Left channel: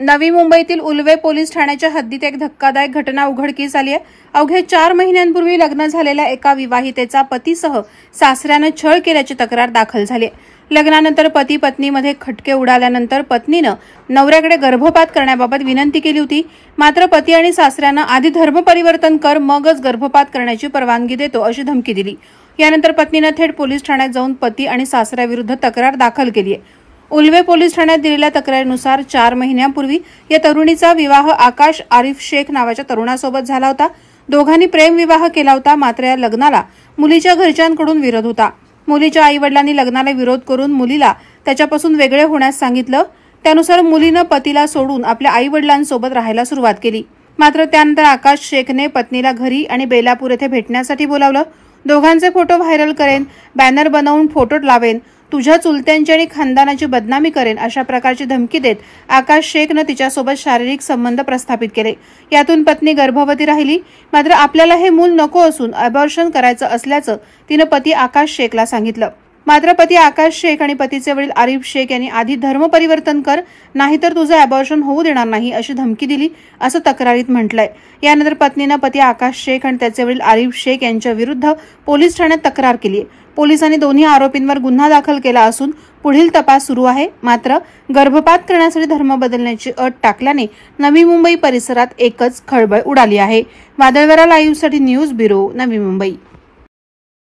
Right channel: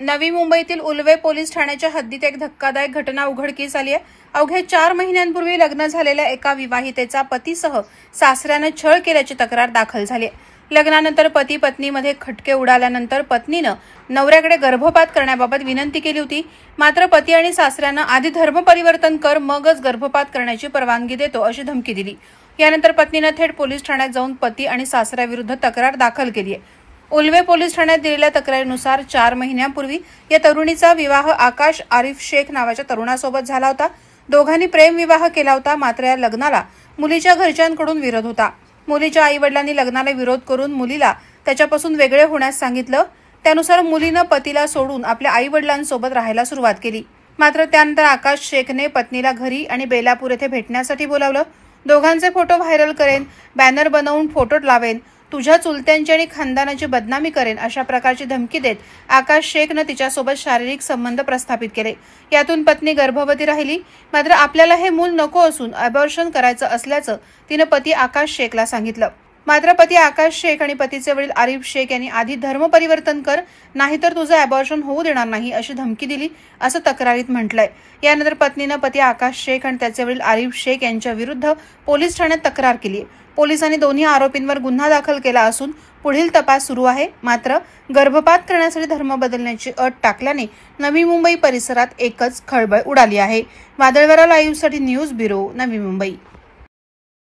नवी मुंबईतील उल्वे पोलीस ठाण्याच्या हद्दीत एक धक्कादायक घटना उघडकीस आली आहे। अवघे 4 महिन्यांपूर्वी लग्न झालेल्या एका विवाहितेचा पतीसह सासऱ्याने छळ केल्याची तक्रार दाखल झाली आहे। लग्नानंतर पती पत्नीमध्ये खटके उडाल्यानंतर पत्नीने नवऱ्याकडे गर्भपात करण्याबाबत विनंती केली होती। मात्र पती आणि सासऱ्याने आधी धर्म परिवर्तन कर मगच गर्भपात करण्याची परवानगी देतो अशी धमकी दिली। यानंतर पत्नीने थेट पोलीस ठाण्यात जाऊन पती आणि सासऱ्याविरुद्ध तक्रार दाखल केली आहे। उल्वे पोलीस ठाण्यात दिलेल्या तक्रारीनुसार 4 महिन्यांपूर्वी या तरुणीचा विवाह आकाश आरिफ शेख नावाच्या तरुणासोबत झाला होता। दोघांनी प्रेमविवाह केला होता। मात्र या लग्नाला मुलीच्या घरच्यांकडून विरोध होता। मुलीच्या आईवडिलांनी लग्नाला विरोध करून मुलीला त्याच्यापासून वेगळे होण्यास सांगितलं। त्यानुसार मुलीनं पतीला सोडून आपल्या आईवडिलांसोबत राहायला सुरुवात केली। मात्र त्यानंतर आकाश शेखने पत्नीला घरी आणि बेलापूर येथे भेटण्यासाठी बोलावलं। दोघांचे फोटो व्हायरल करेन, बॅनर बनवून फोटो लावेन, तुझ्या चुलत्यांची आणि खानदानाची बदनामी करेन अशा प्रकारची धमकी देत आकाश शेखने तिच्यासोबत शारीरिक संबंध प्रस्थापित केले। यातून पत्नी गर्भवती राहिली। मात्र आपल्याला हे मूल नको असून अबॉर्शन करायचं असल्याचं तिने पती आकाश शेखला सांगितलं। मात्र पती आकाश शेख आणि पतीचे वडील आरिफ शेख यांनी आधी धर्म परिवर्तन कर, नाहीतर तुझं अबॉर्शन होऊ देणार नाही अशी धमकी दिली असं तक्रारीत म्हटलंय। यानंतर पत्नीने पती आकाश शेख आणि त्याचे वडील आरिफ शेख यांच्या विरुद्ध पोलीस ठाण्यात तक्रार केली आहे। पोलिसांनी दोन्ही आरोपींवर गुन्हा दाखल केला असून पुढील तपास सुरू आहे। मात्र गर्भपात करण्यासाठी धर्म बदलण्याची अट टाकल्याने नवी मुंबई परिसरात एकच खळबळ उडाली आहे। वादळवारा लाईव्हसाठी न्यूज ब्युरो, नवी मुंबई।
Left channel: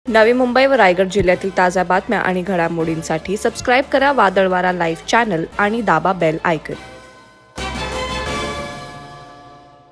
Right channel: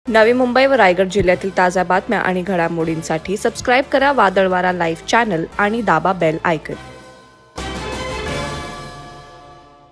नवी मुंबई व रायगड जिल्ह्यातील ताज्या बातम्या आणि घडामोडींसाठी सबस्क्राईब करा वादळवारा लाईव्ह चॅनल आणि दाबा बेल आयकॉन।